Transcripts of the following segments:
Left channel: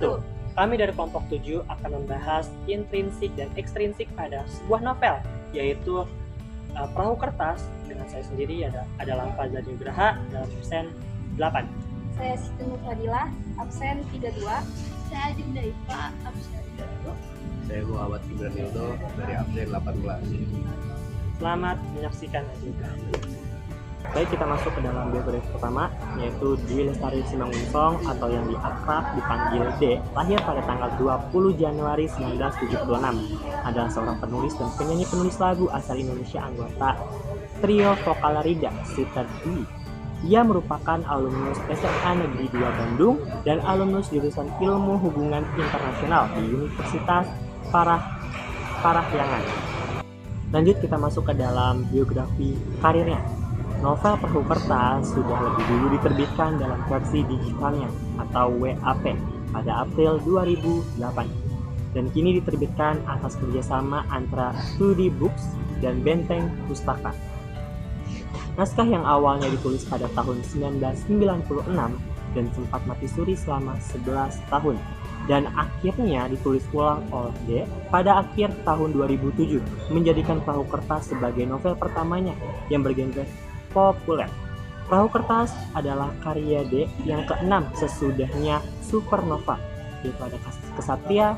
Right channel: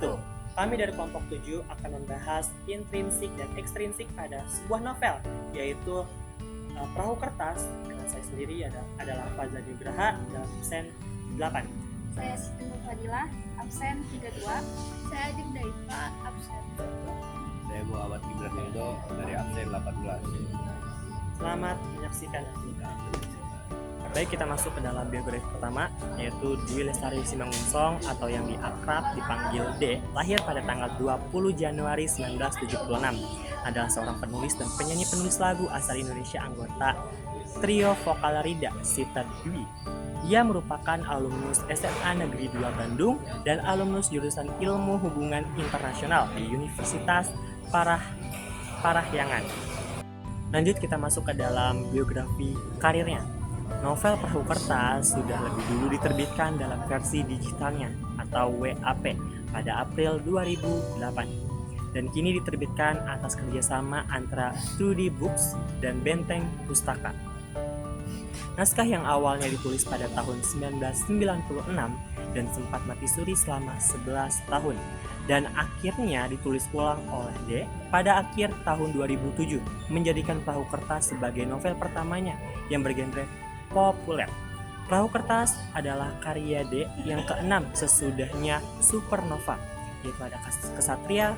1. Kami dari kelompok 7 akan membahas intrinsik dan ekstrinsik pada sebuah novel, yaitu Perahu Kertas. Dengan saya sendiri adalah Faza Nugraha dalam absen 8. Saya Siti Nur Fadilah, absen 32. Saya Ajeng Daifa, absen 1. Saya Muhammad Gibran Hildo dari absen 18. Selamat menyaksikan juga. Baik, kita masuk ke dalam biografi pertama, yaitu Dwi Lestari Simangunsong atau yang akrab dipanggil D, lahir pada tanggal 20 Januari 1976. Adalah seorang penulis dan penyanyi-penulis lagu asal Indonesia, anggota trio vokal Rida Sita Dwi. Ia merupakan alumnus SMA Negeri 2 Bandung dan alumnus jurusan Ilmu Hubungan Internasional di Universitas Parahyangan. Lanjut, kita masuk ke dalam biografi karirnya. Novel Perahu Kertas sudah lebih dulu diterbitkan dalam versi digitalnya atau WAP pada April 2008 dan kini diterbitkan atas kerjasama antara 2D Books dan Benteng Pustaka. Naskah yang awalnya ditulis pada tahun 1996 dan sempat mati suri selama 11 tahun dan akhirnya ditulis ulang oleh D pada akhir tahun 2007, menjadikan Perahu Kertas sebagai novel pertamanya yang bergenre populer. Perahu Kertas adalah karya D yang keenam sesudahnya Supernova, yaitu ada Kesatria,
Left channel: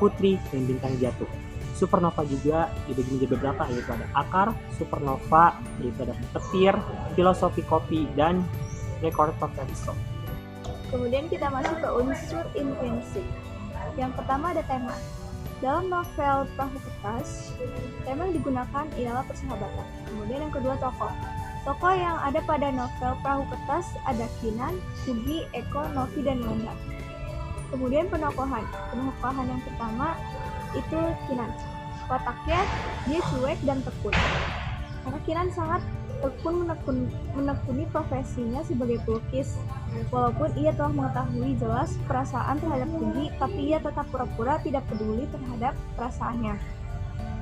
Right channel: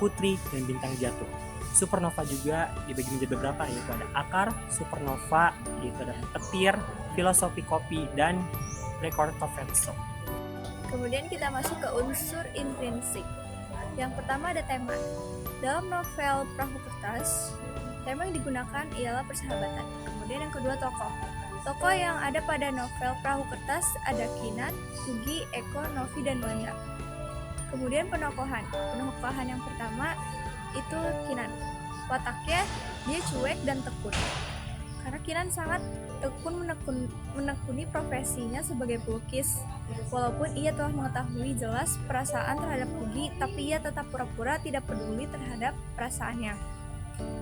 Putri, dan Bintang Jatuh. Supernova juga dibagi menjadi beberapa, yaitu ada Akar, Supernova, yaitu ada Petir, Filosofi Kopi, dan Record of Episode. Kemudian kita masuk ke unsur intrinsik. Yang pertama ada tema. Dalam novel Perahu Kertas, tema yang digunakan ialah persahabatan. Kemudian yang kedua tokoh. Tokoh yang ada pada novel Perahu Kertas ada Kinan, Hugi, Eko, Novi, dan Wanda. Kemudian penokohan. Penokohan yang pertama itu Kinan. Wataknya dia cuek dan tekun. Karena Kinan sangat tekun menekuni profesinya sebagai pelukis. Walaupun ia telah mengetahui jelas perasaan terhadap Hugi, tapi ia tetap pura-pura tidak peduli terhadap perasaannya.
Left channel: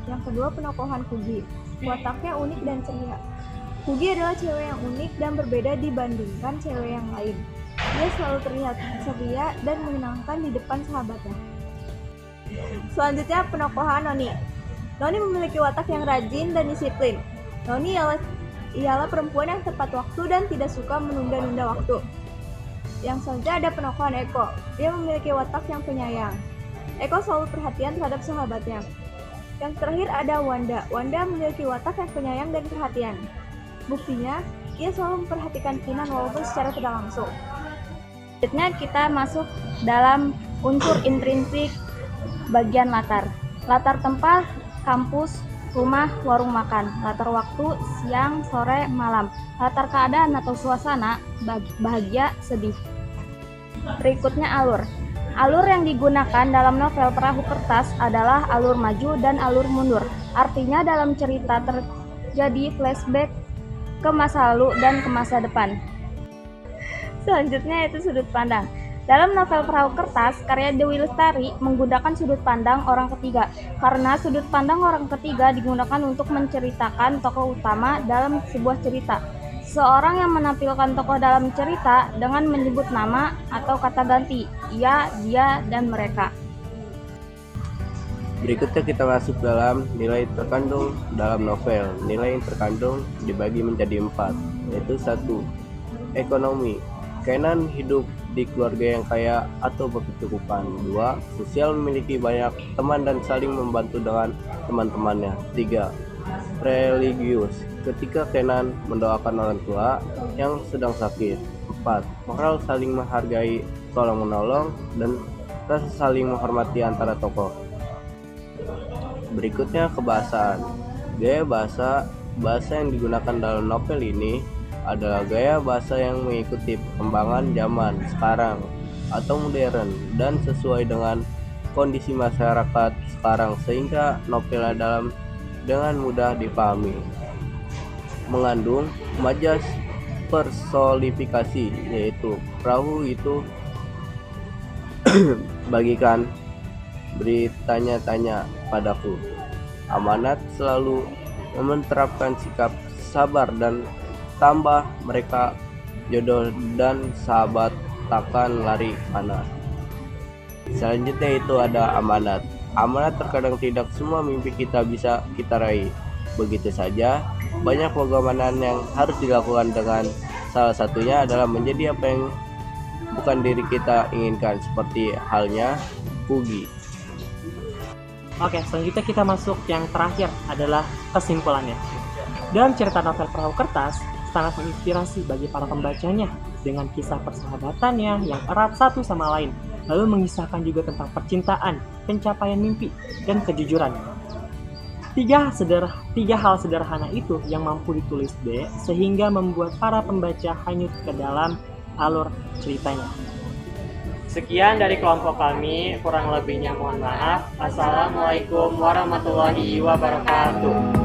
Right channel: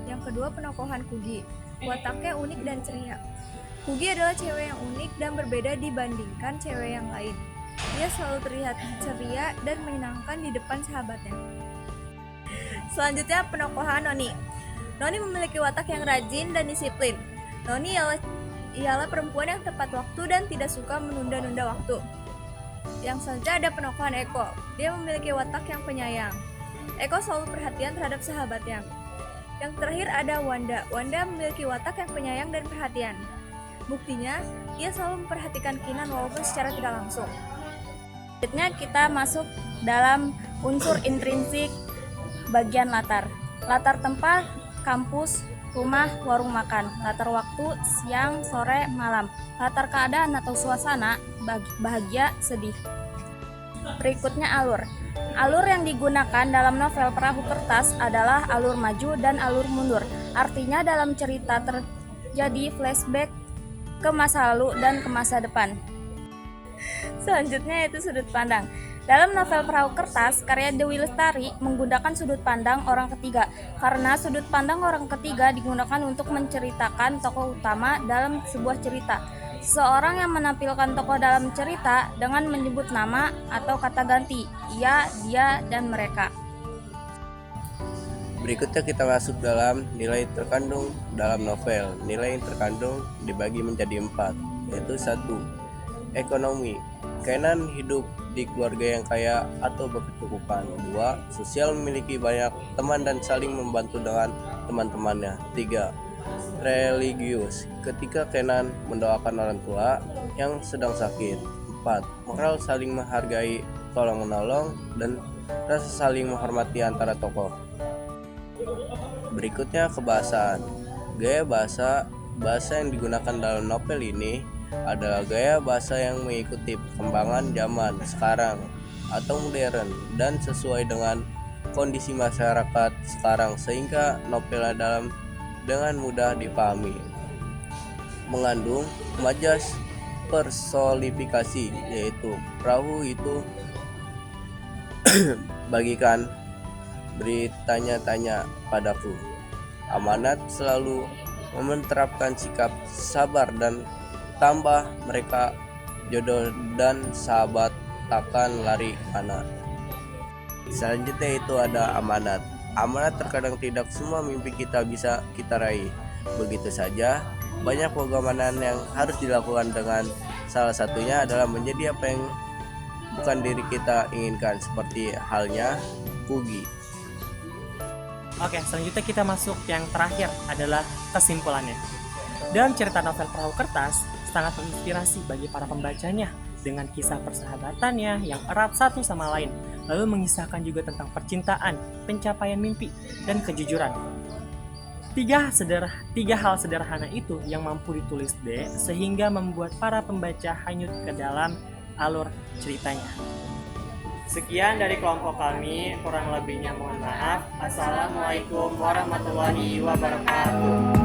Yang kedua penokohan Hugi. Wataknya unik dan ceria. Hugi adalah cewek yang unik dan berbeda dibandingkan cewek yang lain. Dia selalu terlihat ceria dan menyenangkan di depan sahabatnya. Selanjutnya penokohan Noni. Noni memiliki watak yang rajin dan disiplin. Noni ialah perempuan yang tepat waktu dan tidak suka menunda-nunda waktu. Yang selanjutnya ada penokohan Eko. Dia memiliki watak yang penyayang. Eko selalu perhatian terhadap sahabatnya. Yang terakhir ada Wanda. Wanda memiliki watak yang penyayang dan perhatian. Buktinya, ia selalu memperhatikan Kinan walaupun secara tidak langsung. Selanjutnya kita masuk dalam unsur intrinsik bagian latar. Latar tempat, kampus, rumah, warung makan. Latar waktu, siang, sore, malam. Latar keadaan atau suasana, bahagia, sedih. Berikutnya alur. Alur yang digunakan dalam novel Perahu Kertas adalah alur maju dan alur mundur. Artinya dalam cerita terjadi flashback ke masa lalu dan ke masa depan. Selanjutnya yaitu sudut pandang. Dalam novel Perahu Kertas, karya Dwi Lestari menggunakan sudut pandang orang ketiga karena sudut pandang orang ketiga digunakan untuk menceritakan tokoh utama dalam sebuah cerita. Seorang yang menampilkan tokoh dalam cerita dengan menyebut nama atau kata ganti, ia, dia, dan mereka. Berikutnya kita masuk dalam nilai terkandung dalam novel. Nilai yang terkandung dibagi menjadi 4, yaitu 1. Ekonomi. Kenan hidup di keluarga yang kaya atau berkecukupan. 2. Sosial, memiliki banyak teman dan saling membantu dengan teman-temannya. 3. Religius. Ketika Kenan mendoakan orang tua yang sedang sakit. 4. Moral, saling menghargai, tolong menolong, dan rasa saling menghormati antara tokoh. Berikutnya kebahasaan. Gaya bahasa yang digunakan dalam novel ini adalah gaya bahasa yang mengikuti perkembangan zaman sekarang atau modern dan sesuai dengan kondisi masyarakat sekarang sehingga novelnya dengan mudah dipahami. Mengandung majas personifikasi, yaitu perahu itu bagikan bertanya-tanya padaku. Amanat selalu menerapkan sikap sabar dan tambah mereka jodoh dan sahabat takkan lari mana. Selanjutnya itu ada amanat. Amanat terkadang tidak semua mimpi kita bisa kita raih. Begitu saja, banyak pengorbanan yang harus dilakukan dengan salah satunya adalah menjadi apa yang bukan diri kita inginkan, seperti halnya Pugi. Oke, selanjutnya kita masuk yang terakhir adalah kesimpulannya. Dalam cerita novel Perahu Kertas, sangat menginspirasi bagi para pembacanya dengan kisah persahabatannya yang erat satu sama lain, lalu mengisahkan juga tentang percintaan, pencapaian mimpi, dan kejujuran. Tiga hal sederhana itu yang mampu ditulis D sehingga membuat para pembaca hanyut ke dalam alur ceritanya. Sekian dari kelompok kami, kurang lebihnya mohon maaf. Assalamualaikum warahmatullahi wabarakatuh.